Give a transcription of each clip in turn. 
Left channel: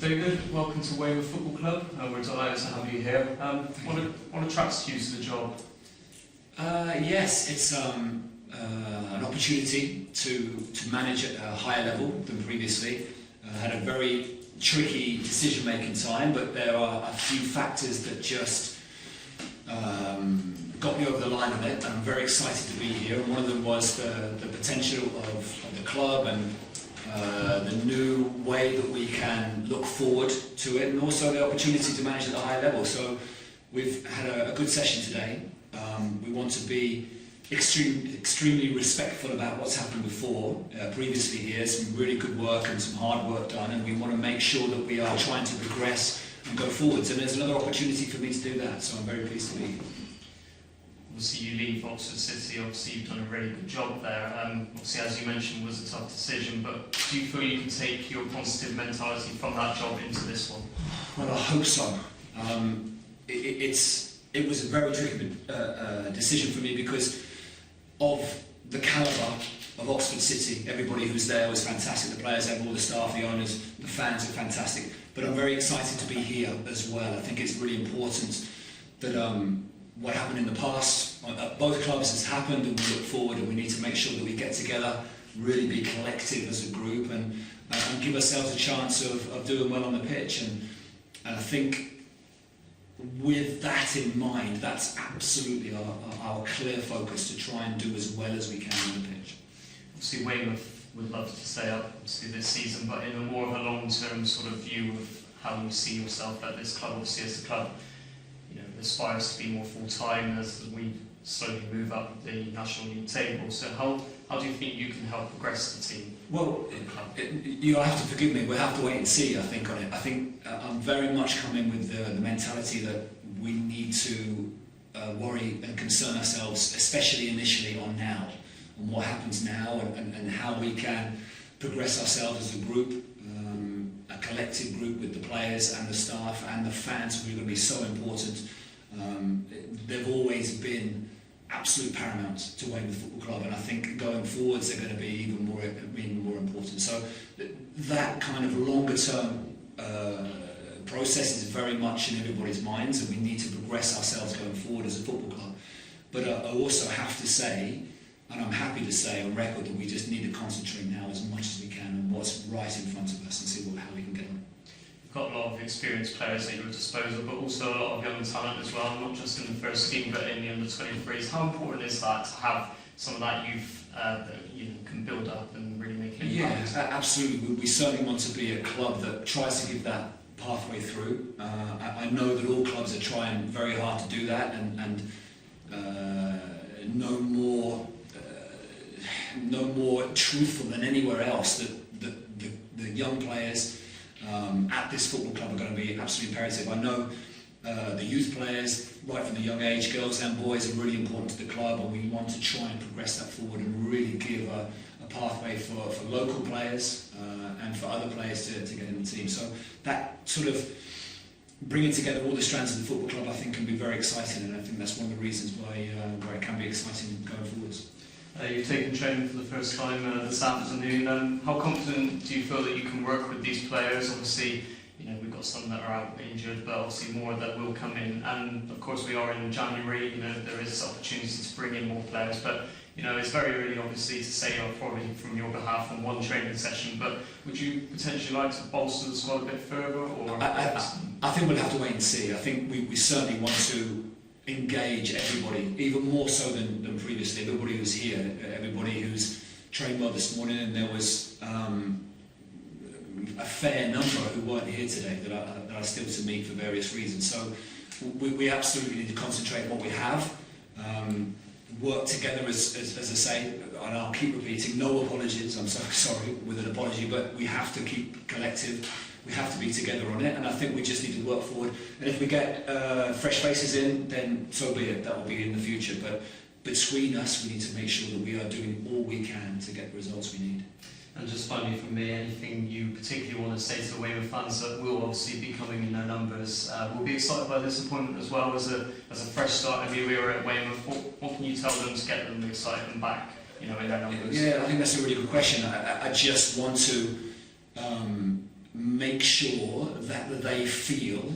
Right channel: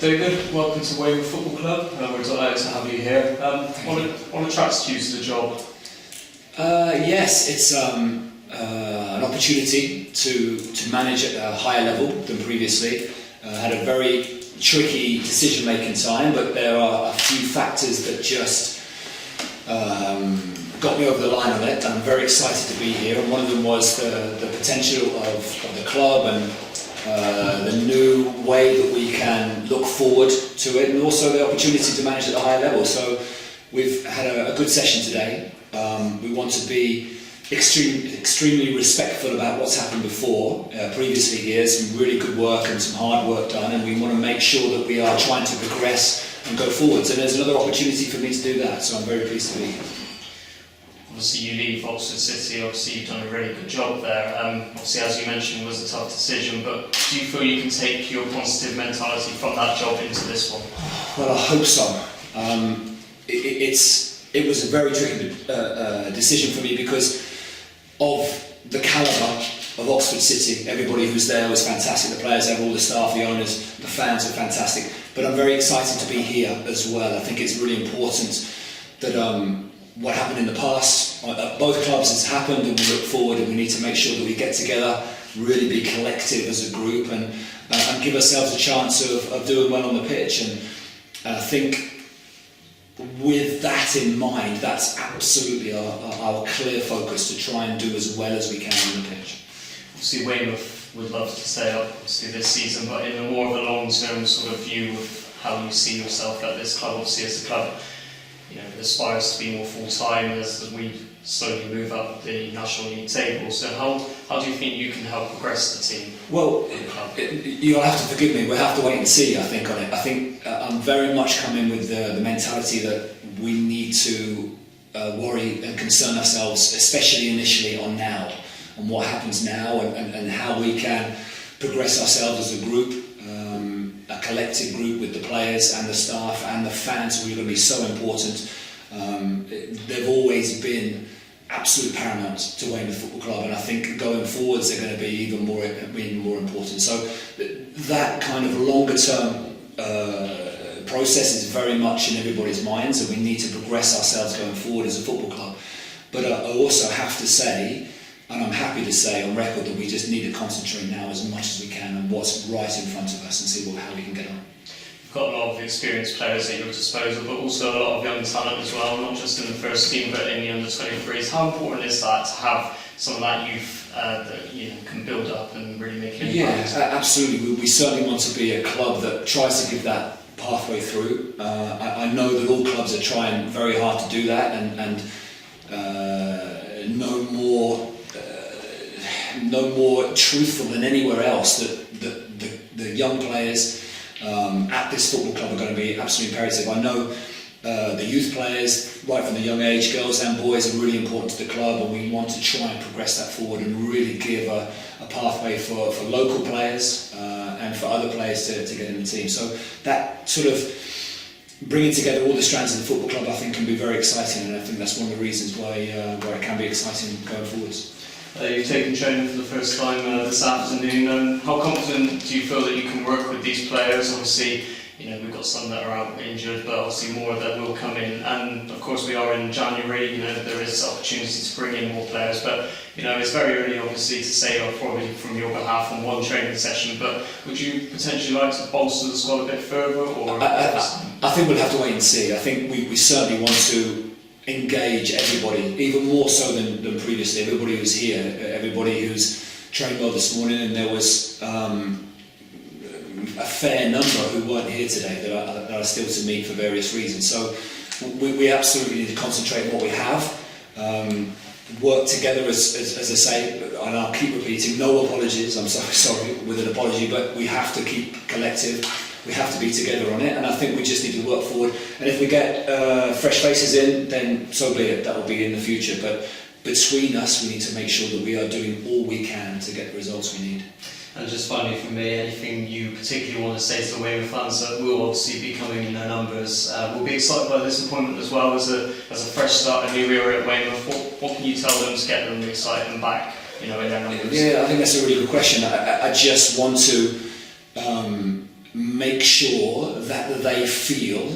David, welcome to Weymouth Football Club. We're delighted to have you here. What attracts you to the job? Yes, it's an opportunity to manage at a higher level than previously. Had a very tricky decision-making time, but there are a few factors that just got me over the line on it, and I'm very excited to be here. And one of them was the potential of the club and the new way that we can look forward to it, and also the opportunity to manage at a higher level. So we've had a good session today. We want to be extremely respectful about what's happened before. Previously here, some really good work and some hard work done, and we want to make sure that we are trying to progress and go forwards. And there's another opportunity for me to do that, so I'm very pleased to be here. Obviously you leave Oxford City, obviously you've done a really good job there. Obviously, as you mentioned, it was a tough decision, but do you feel you can take your positive mentality from that job into this one? Well, I hope so. It was a very tricky decision for me because of the calibre of Oxford City. Everybody who's there was fantastic. The players there, all the staff, the owners, the fans are fantastic. But I'm very excited to be here as well. I think it's really important that what happened in the past at both clubs has happened, and we look forward, and we need to make sure that we get together, really be collective as a group, and give ourselves a chance of doing well on the pitch. And I think with that in mind, that's absolutely our clear focus, to try and do as well as we can on the pitch. Obviously Weymouth would love to stay up obviously this season, but in a more of a long-term sort of view of how you see yourself at this club, obviously as the club aspires to be more full-time as we slowly move up the National League table. So how do you think you can help progress the team? Well, you'll have to forgive me, we'll have to wait and see, I think, on it. I think I'm very much coming with the mentality that we need to worry and concern ourselves, especially initially, on now, on what happens now, and how we can progress ourselves as a group, a collective group with the players and the staff and the fans, who are going to be so important. They've always been absolute paramount to Weymouth Football Club, and I think going forwards they're going to be even more important. So that kind of longer term process is very much in everybody's minds, and we need to progress ourselves going forward as a football club. But I also have to say, and I'm happy to say on record, that we just need to concentrate now as much as we can on what's right in front of us and see how we can get on. You've got a lot of experienced players at your disposal, but also a lot of young talent as well, not just in the first team but in the under-23s. How important is that to have some of that youth that can build up and really make an impact? Yeah, absolutely. We certainly want to be a club that tries to give that pathway through. I know that all clubs are trying very hard to do that, and no more truthful than anywhere else that the young players at this football club are going to be absolutely imperative. I know the youth players, right from the young age, girls and boys, are really important to the club, and we want to try and progress that forward and really give a pathway for local players and for other players to get in the team. So that sort of bringing together all the strands of the football club, I think, can be very exciting, and I think that's one of the reasons why it can be exciting going forwards. You've taken training for the first time this afternoon. How confident do you feel that you can work with these players? Obviously, we've got some that are out injured, but obviously more that will come in. And of course, we are in January. There is opportunity to bring in more players, but it's very early, obviously, to say probably from your behalf on one training session. But would you potentially like to bolster the squad a bit further? Or I think we'll have to wait and see. I think we certainly want to engage everybody, even more so than previously. Everybody who's here, everybody who's trained well this morning, and there was a fair number who weren't here today that are still to meet for various reasons. So we absolutely need to concentrate on what we have, work together as I say, and I'll keep repeating, no apologies, I'm so sorry with an apology, but we have to keep collective. We have to be together on it, and I think we just need to work forward. And if we get fresh faces in, then so be it. That will be in the future. But between us, we need to make sure that we are doing all we can to get the results we need. And just finally from me, anything you particularly want to say to the Weymouth fans that will obviously be coming in their numbers? We'll be excited by this appointment as well as a fresh start, a new era at Weymouth. What can you tell them to get them excited and back, in their numbers? Yeah, I think that's a really good question. I just want to make sure that they feel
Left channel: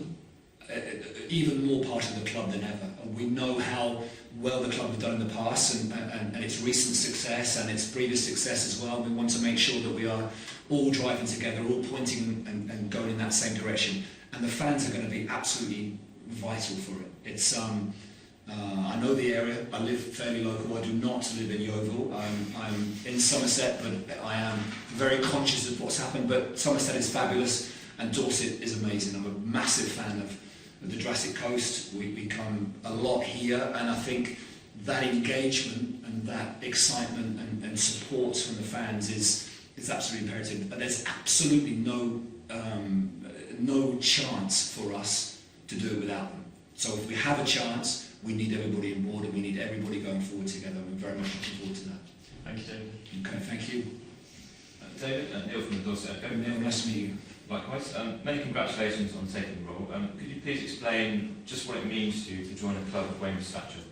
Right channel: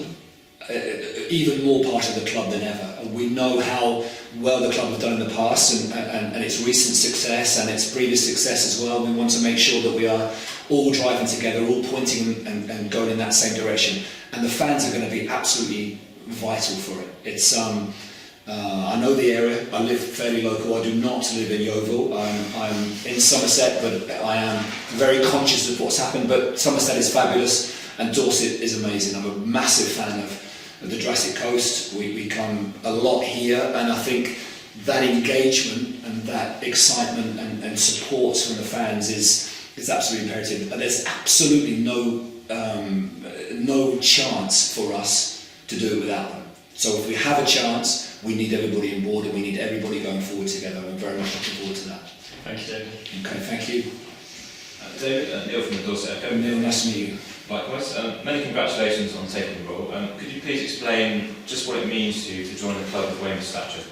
even more part of the club than ever. We know how well the club have done in the past and its recent success and its previous success as well. We want to make sure that we are all driving together, all pointing and going in that same direction. And the fans are going to be absolutely vital for it. It's I know the area. I live fairly local. I do not live in Yeovil. I'm in Somerset, but I am very conscious of what's happened. But Somerset is fabulous and Dorset is amazing. I'm a massive fan of the Jurassic Coast. We come a lot here, and I think that engagement and that excitement and support from the fans is absolutely imperative. And there's absolutely no chance for us to do it without them. So if we have a chance, we need everybody on board and we need everybody going forward together. I'm very much looking forward to that. Thank you, David. Okay, thank you. David, Neil from the Dorset Echo. Neil, nice to meet you. Likewise. Many congratulations on taking the role. Could you please explain just what it means to you to join a club of Weymouth stature?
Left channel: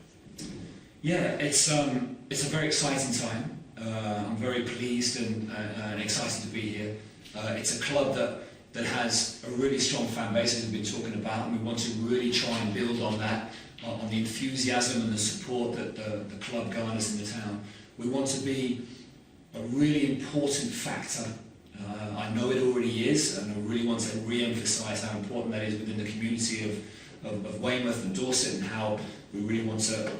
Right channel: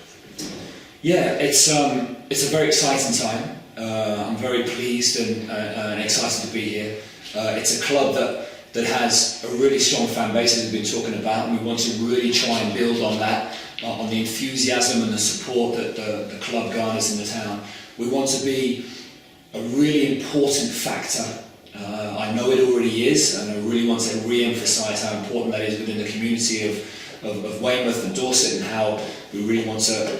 Yeah, it's a very exciting time. I'm very pleased and excited to be here. It's a club that has a really strong fan base, as we've been talking about, and we want to really try and build on that, on the enthusiasm and the support that the club garners in the town. We want to be a really important factor. I know it already is, and I really want to re-emphasise how important that is within the community of Weymouth and Dorset, and how we really want to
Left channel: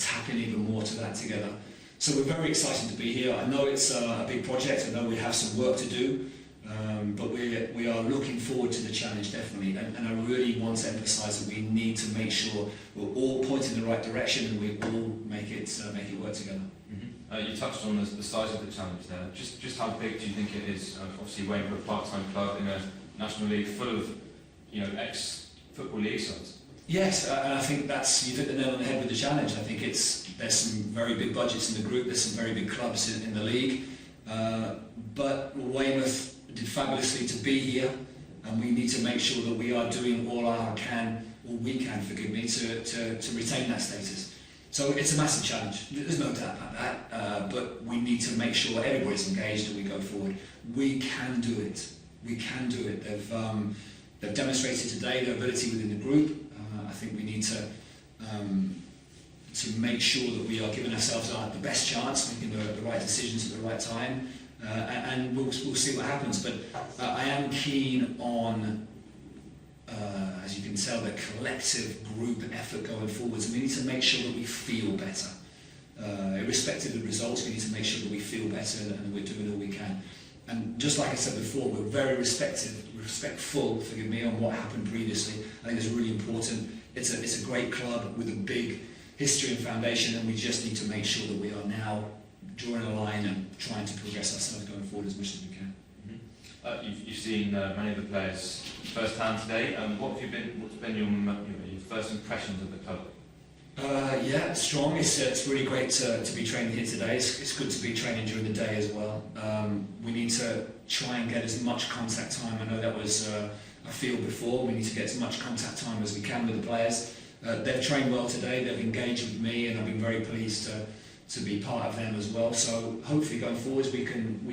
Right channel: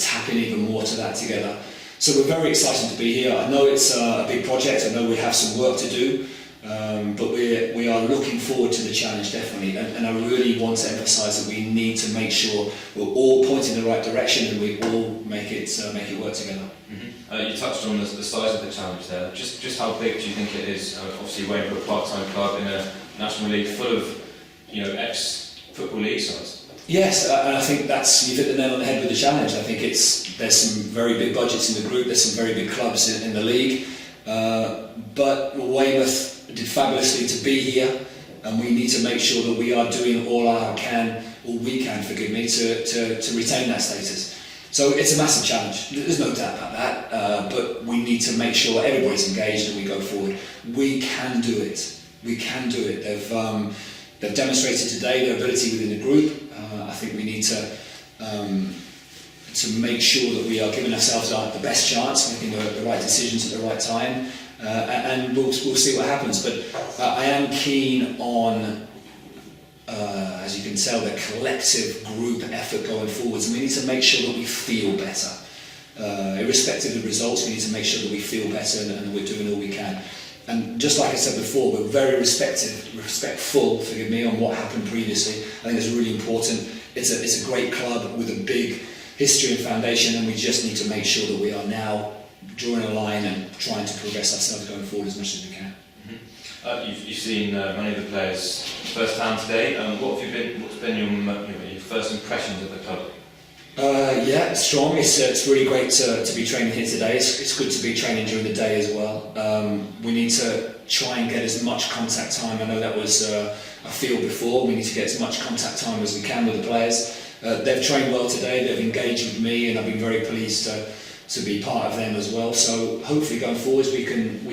tap in even more to that together. So we're very excited to be here. I know it's a big project. I know we have some work to do, but we are looking forward to the challenge, definitely. And I really want to emphasise that we need to make sure we're all pointing in the right direction and we all make it work together. Mm-hmm. You touched on the size of the challenge there. Just how big do you think it is? Obviously, Weymouth, a part-time club in a national league full of ex-football league sides. Yes, and I think you've hit the nail on the head with the challenge. I think there's some very big budgets in the group. There's some very big clubs in the league, but Weymouth did fabulously to be here, and we need to make sure that we are doing all we can, to retain that status. So it's a massive challenge. There's no doubt about that. But we need to make sure everybody's engaged and we go forward. We can do it. We can do it. They've demonstrated today their ability within the group. I think we need to make sure that we are giving ourselves the best chance, making the right decisions at the right time, and we'll see what happens. But I am keen on, as you can tell, the collective group effort going forwards. And we need to make sure that we feel better. Irrespective of the results, we need to make sure that we feel better and we're doing all we can. And just like I said before, we're very respectful, forgive me, on what happened previously. I think it's really important. It's a great club with a big history and foundation, and we just need to make sure that we are now drawing a line and trying to progress ourselves going forward as much as we can. Mm-hmm. You've seen many of the players firsthand today. What's been your first impressions of the club? Yeah, strong. It's really great to be training here today. It's good to be training during the day as well. We need to try and get as much contact time. I know that was a feel before. We need to get as much contact time as we can with the players. They've trained well today. They've engaged with me, and I've been very pleased to be part of them as well. So hopefully going forwards we can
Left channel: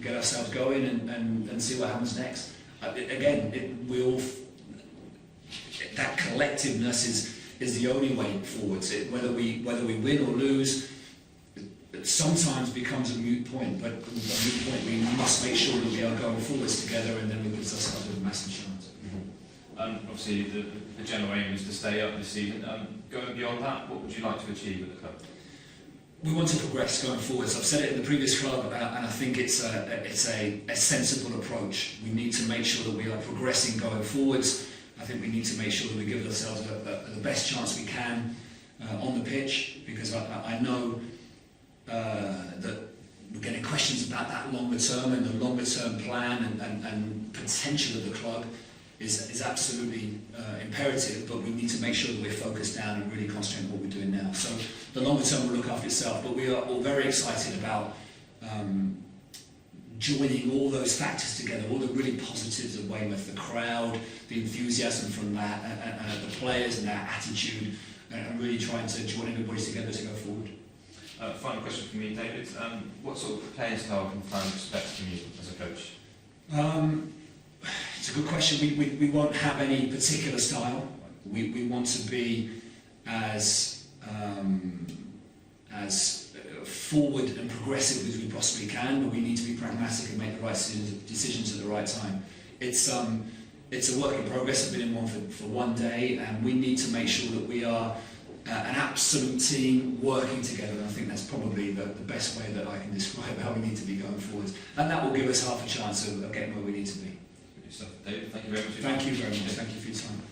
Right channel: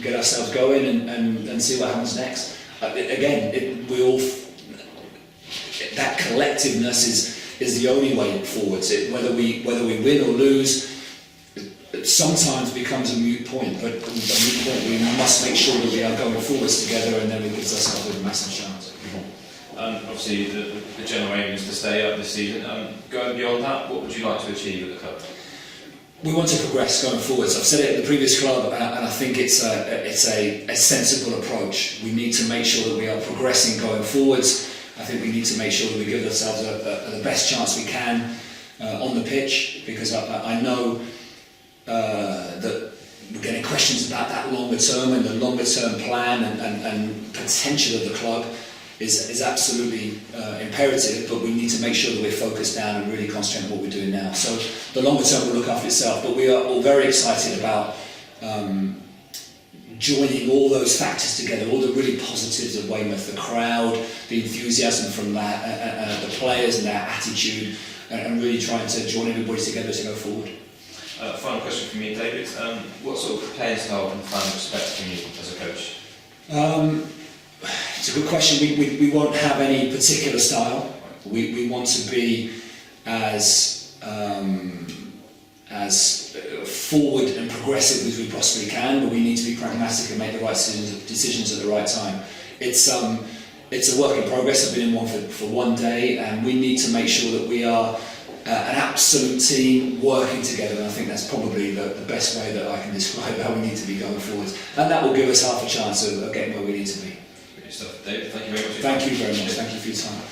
get ourselves going and see what happens next. Again, that collectiveness is the only way forwards. Whether we win or lose, it sometimes becomes a moot point. But a moot point, we must make sure that we are going forwards together, and then we give ourselves a massive chance. Obviously, the general aim is to stay up this season. Going beyond that, what would you like to achieve at the club? We want to progress going forwards. I've said it at the previous club, and I think it's a sensible approach. We need to make sure that we are progressing going forwards. I think we need to make sure that we give ourselves the best chance we can on the pitch, because I know that we're getting questions about that longer term and the longer term plan and potential of the club is absolutely imperative, but we need to make sure that we're focused down and really concentrate on what we're doing now. So the longer term will look after itself, but we are all very excited about joining all those factors together, all the really positives of Weymouth, the crowd, the enthusiasm from that, the players and their attitude, and really trying to join everybody together to go forward. Final question from me, David. What sort of playing style can the fan expect from you as a coach? It's a good question. We won't have any particular style. We want to be as forward and progressive as we possibly can, but we need to be pragmatic and make the right decisions at the right time. It's a work in progress. I've been in one for one day, and we need to make sure that we are an absolute team working together, and I think that's probably the best way that I can describe how we need to be going forward, and that will give us half a chance of getting where we need to be. Good stuff. David, thank you very much. Thank you very much. Thank you for your time.